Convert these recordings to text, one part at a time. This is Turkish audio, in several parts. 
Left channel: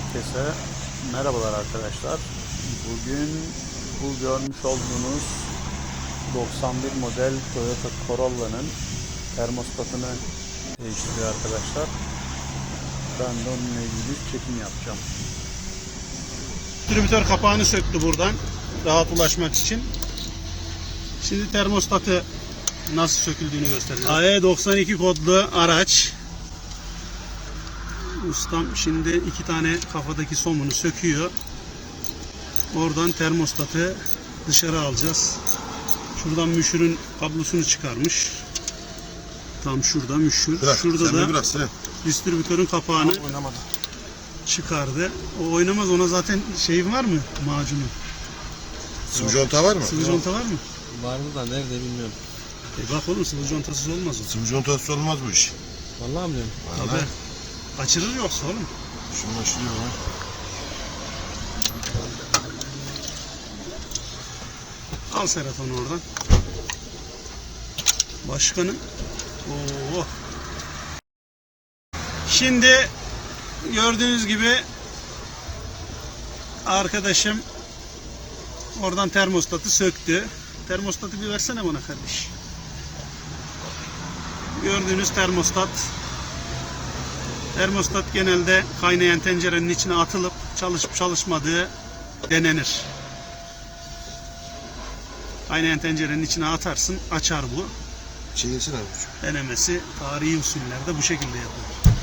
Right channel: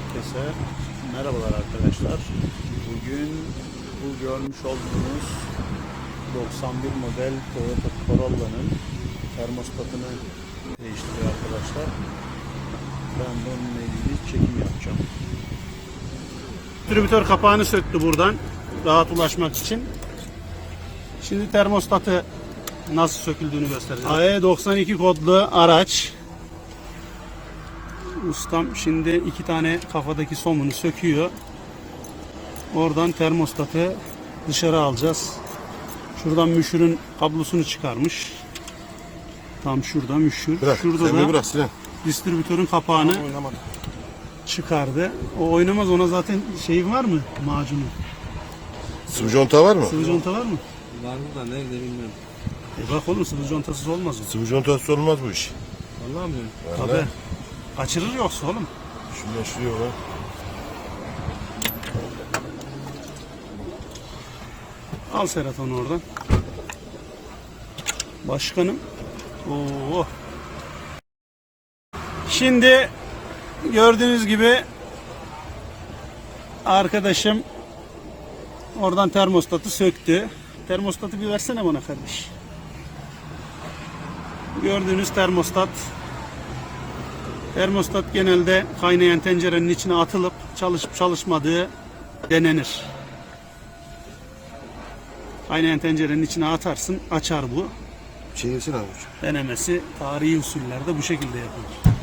Herkese merhabalar arkadaşlar. Bugün bu görmüş olduğunuz 91 model Toyota Corolla'nın termostatını değiştiriyor arkadaşlar. Ben de onunla ilgili çekim yapacağım. Distribütör kapağını söktü buradan rahat ulaşmak için. Şimdi termostatı nasıl söküldüğünü göstereceğim. AE92 kodlu araç. Ustam şimdi iki tane kafadaki somunu söküyor. Oradan termostatı dışarı alacağız. Şuradan müşürün kablosunu çıkarmış. Tam şurada müşür. Bırak, Şurada da bırak distribütörün kapağını Oynamadı. çıkardı. O oynamaz ona zaten şey var mı macunu? Sıvı conta var mı? Sıvı conta var mı? Var mı da nerede bilmiyorum. E bak oğlum sıvı contasız olmaz o. Sıvı contası olmaz bu iş. Vallahi bilmiyorum. Tabii. Kaçırır yoksa oğlum. Şunu açılıyor lan. Al Serhat onu oradan. Başkanım. Oo. Şimdi gördüğünüz gibi arkadaşım oradan termostatı söktü. Termostatı bir versene bana kardeş. Gördüğünüz termostat. Termostat genelde kaynayan tencerenin içine atılıp çalışıp çalışmadığı denenir. Kaynayan tencerenin içine atarsın, açar bu. Şey yesin abi. Denemesi tarihi usullerde bu şekilde yapılır.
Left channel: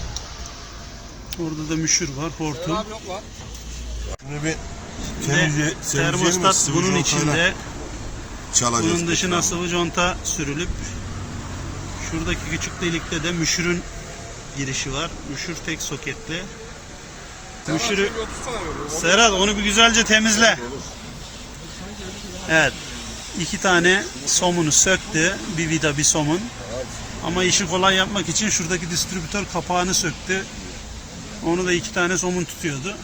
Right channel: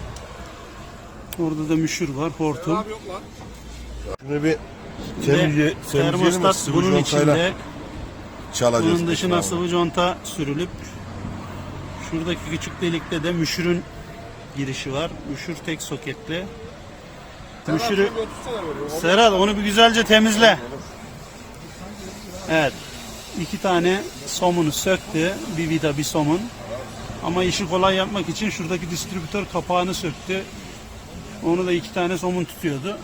Orada da müşür var, hortum. Şimdi bir temizle, termostat bunun içinde, çalacağız. bunun dışına sıvı conta sürülüp şuradaki küçük delikte de müşürün girişi var. Müşür tek soketli. Müşürü Serhat onu bir güzelce temizle. Evet. iki tane somunu söktü. Bir vida bir somun. Ama işi kolay yapmak için şuradaki distribütör kapağını söktü. Onu da iki tane somun tutuyordu.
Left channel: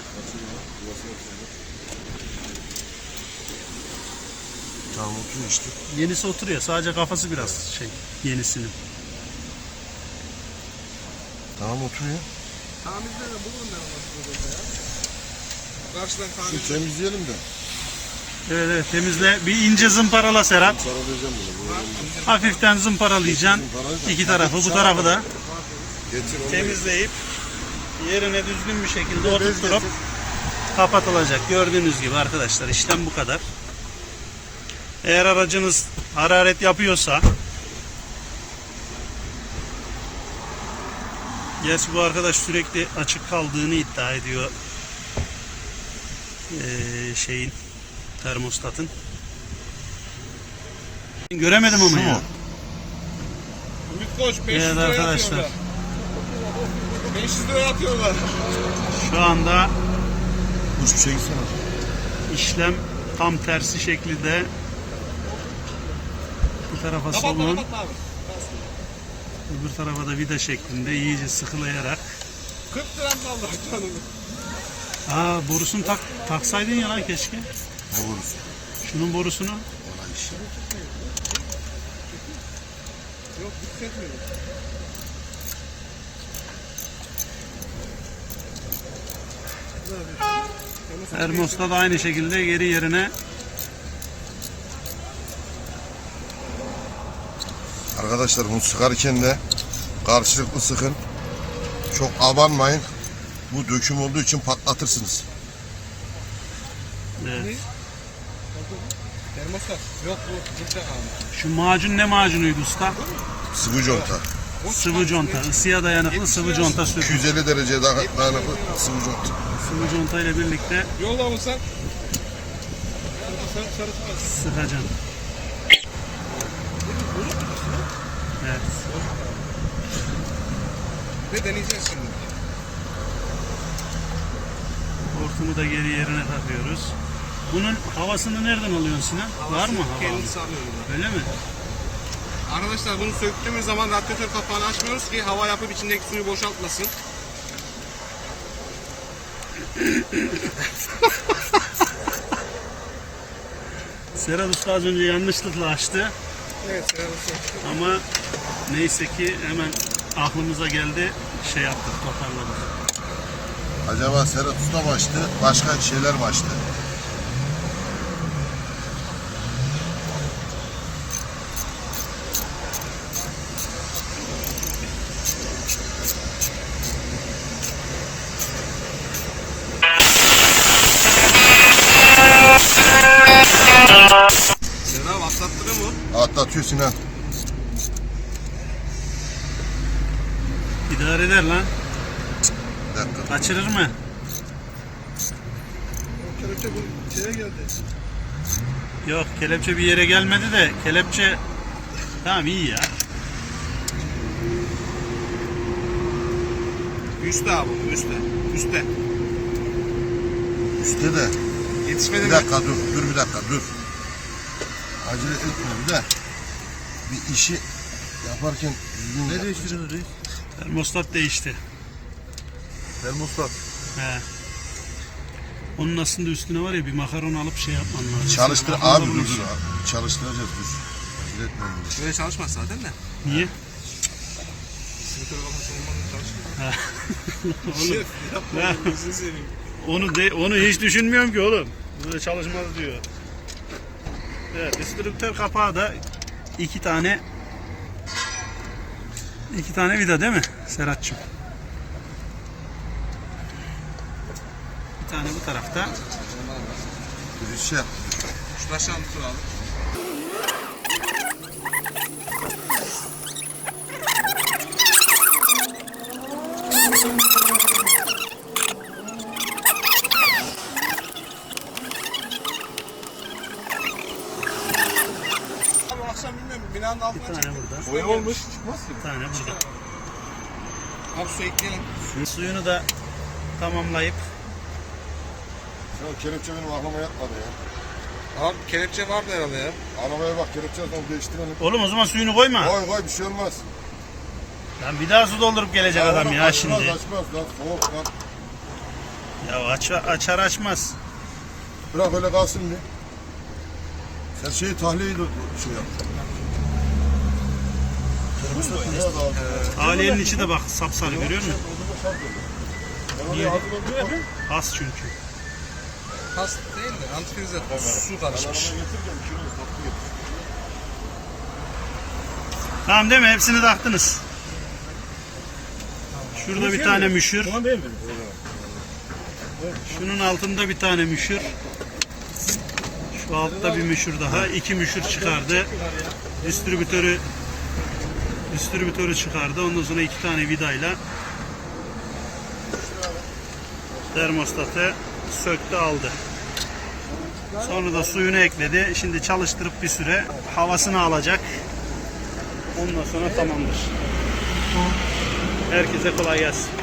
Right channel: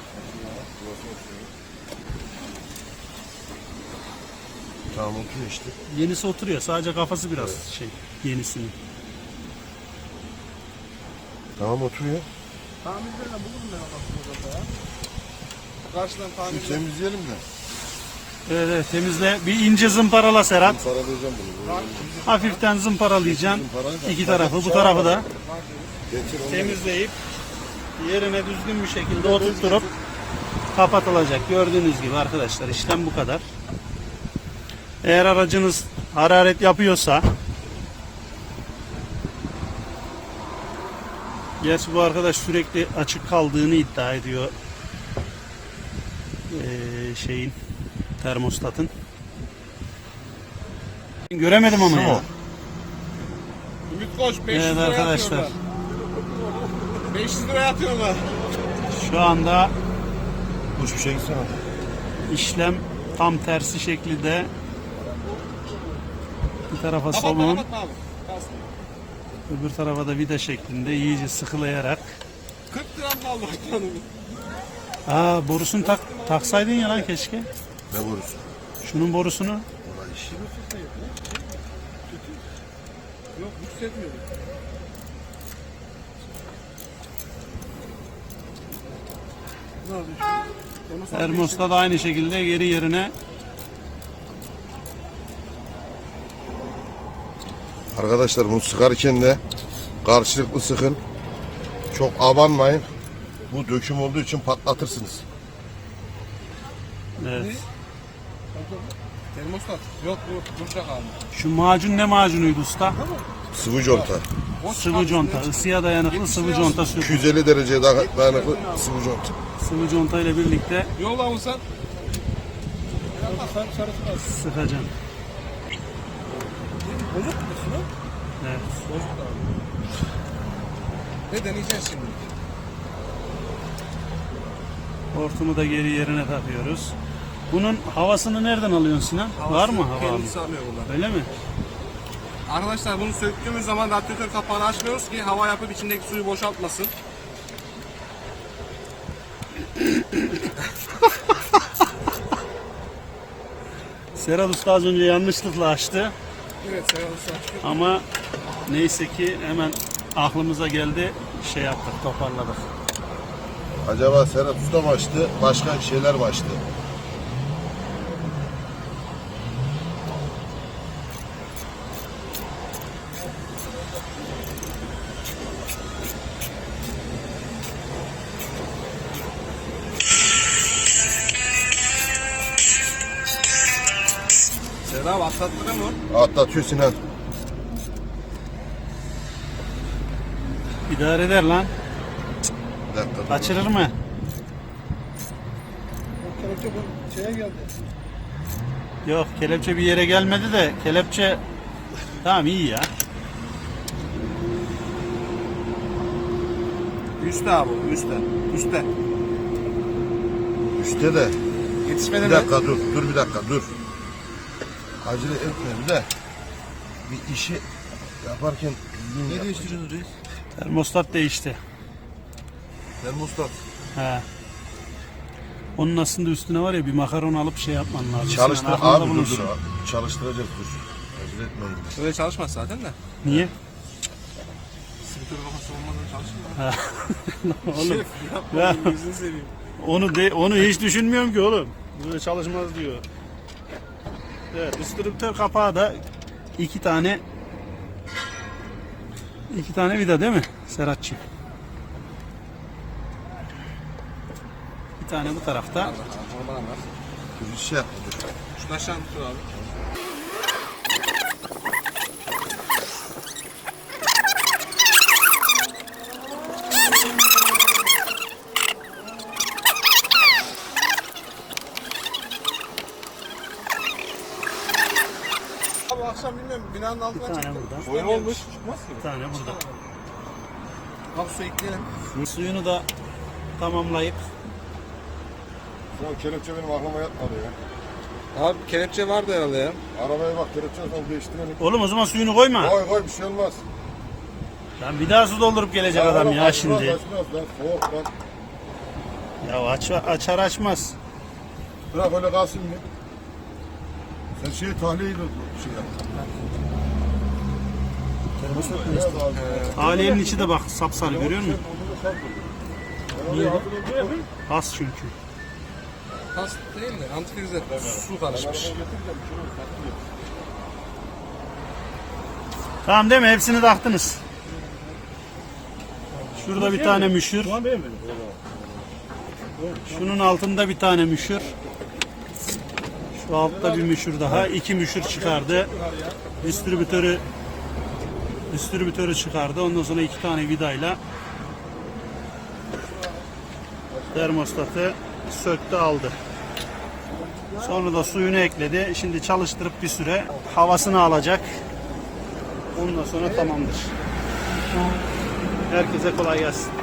Tamam oturuyor işte. Yenisi oturuyor. Sadece kafası biraz şey yenisinin. Tamam oturuyor. Karşıdan kan Şimdi temizleyelim de. Evet, evet temizle. Bir ince zımparala Serhat. Paralayacağım bunu. Hafiften zımparalayacaksın. İki tarafı bu tarafı da. Getir onu. temizleyip yerine düzgün bir şekilde oturtturup kapatılacak. Gördüğünüz gibi arkadaşlar işlem bu kadar. Eğer aracınız hararet yapıyorsa Gerçi bu arkadaş sürekli açık kaldığını iddia ediyor ee, şeyin termostatın. Göremedim ama Şu ya. mu? Ümit Koç 500 Evet arkadaşlar. atıyorlar. 500 liraya atıyorlar. Şu anda Kuş bir şey gitsene. işlem tam tersi şekilde bir tarafa abi. Öbür tarafa da vida şeklinde iyice sıkılayarak. 40 liram da Allah canını. Aa borusunu tak, taksaydın ya lan keşke. Ne vurursun? Şunun borusunu. Yok hissetmiyorum. Termostat da aynı şekilde geri yerine Arkadaşlar bunu sıkarken de karşılıklı sıkın. Çok abanmayın. Bu döküm olduğu için patlatırsınız. evet. Termostat. Yok bu kalmış. Şu macun ne macunuydu usta? Sıvı conta. Sıvı conta. Isıya dayanıklı sıvı conta sürtün. 250 dereceye daha dayanıklı sıvı conta. Sıvı conta ile birlikte sarısı var. sıkacaksın. Evet. Ve deneyeceğiz şimdi. Hortumu da geri yerine takıyoruz. Bunun havasını nereden alıyorsun Sinan? Var mı hava? Kendisi alıyorum. Öyle mi? Arkadaşlar bunu söktüğümüz zaman radyatör kapağını açmıyoruz ki hava yapıp içindeki suyu boşaltmasın. Serhat Usta az önce yanlışlıkla açtı. Evet. Ama neyse ki hemen aklımıza geldi. Şey yaptık, toparladık. Acaba Serhat Usta başlı, başka şeyler başlı. Atlatıyor Sinan. İdare eder lan. Bir dakika. dur. Kaçırır mı? Kelepçe bu şeye geldi. Yok kelepçe bir yere gelmedi de kelepçe tamam iyi ya. Üstte abi bu üstte. Üstte. Üstte de. Yetişmeden Bir dakika dur, dur bir dakika dur. Acele bir de. Bir işi yaparken düzgün yap. değiştiriyorsunuz reis? Termostat değişti. Termostat. He. Onun aslında üstüne var ya bir makaron alıp şey yapman lazım. Çalıştır Sen aklında abi dur bulunsun. dur abi. Çalıştıracağız dur. Acele etme. bunu. Öyle çalışmaz zaten de. Niye? Simtör kafası olmadan çalışmıyor. oğlum, Yapma Ya. gözünü seveyim. onu de, onu hiç düşünmüyorum ki oğlum. Böyle çalışmaz diyor. Evet, distribütör kapağı da iki tane iki tane vida değil mi Serhat'cığım? Bir tane bu tarafta. Bir şey yap. Şu taştan tutur abi. Abi binanın altına Bir tane burada. Boya olmuş. Çıkmaz ki. Bir tane burada. Abi su ekleyelim. Suyunu da tamamlayıp Sinan kelepçe benim aklıma yatmadı ya. Abi kelepçe vardı herhalde ya. Arabaya bak kelepçe tam değiştirelim. Oğlum o zaman suyunu koyma. Koy koy bir şey olmaz. Lan bir daha su doldurup gelecek adam ya Açmaz, şimdi. Açmaz lan soğuk lan. Ya aç, açar açmaz. Bırak öyle kalsın bir. Sen şeyi tahliyeyi de şey yap. Daha- Aliyenin içi de bak sapsarı görüyor musun? Niye? Has çünkü. Pas değil de antifrize su karışmış. Tamam değil mi? Hepsini taktınız. Şurada bir tane müşür. Şunun altında bir tane müşür. Şu altta bir müşür daha. iki müşür çıkardı. Distribütörü distribütörü çıkardı. Ondan sonra iki tane vidayla termostatı söktü aldı. Sonra da suyunu ekledi. Şimdi çalıştırıp bir süre havasını alacak. Ondan sonra tamamdır. Herkese kolay gelsin.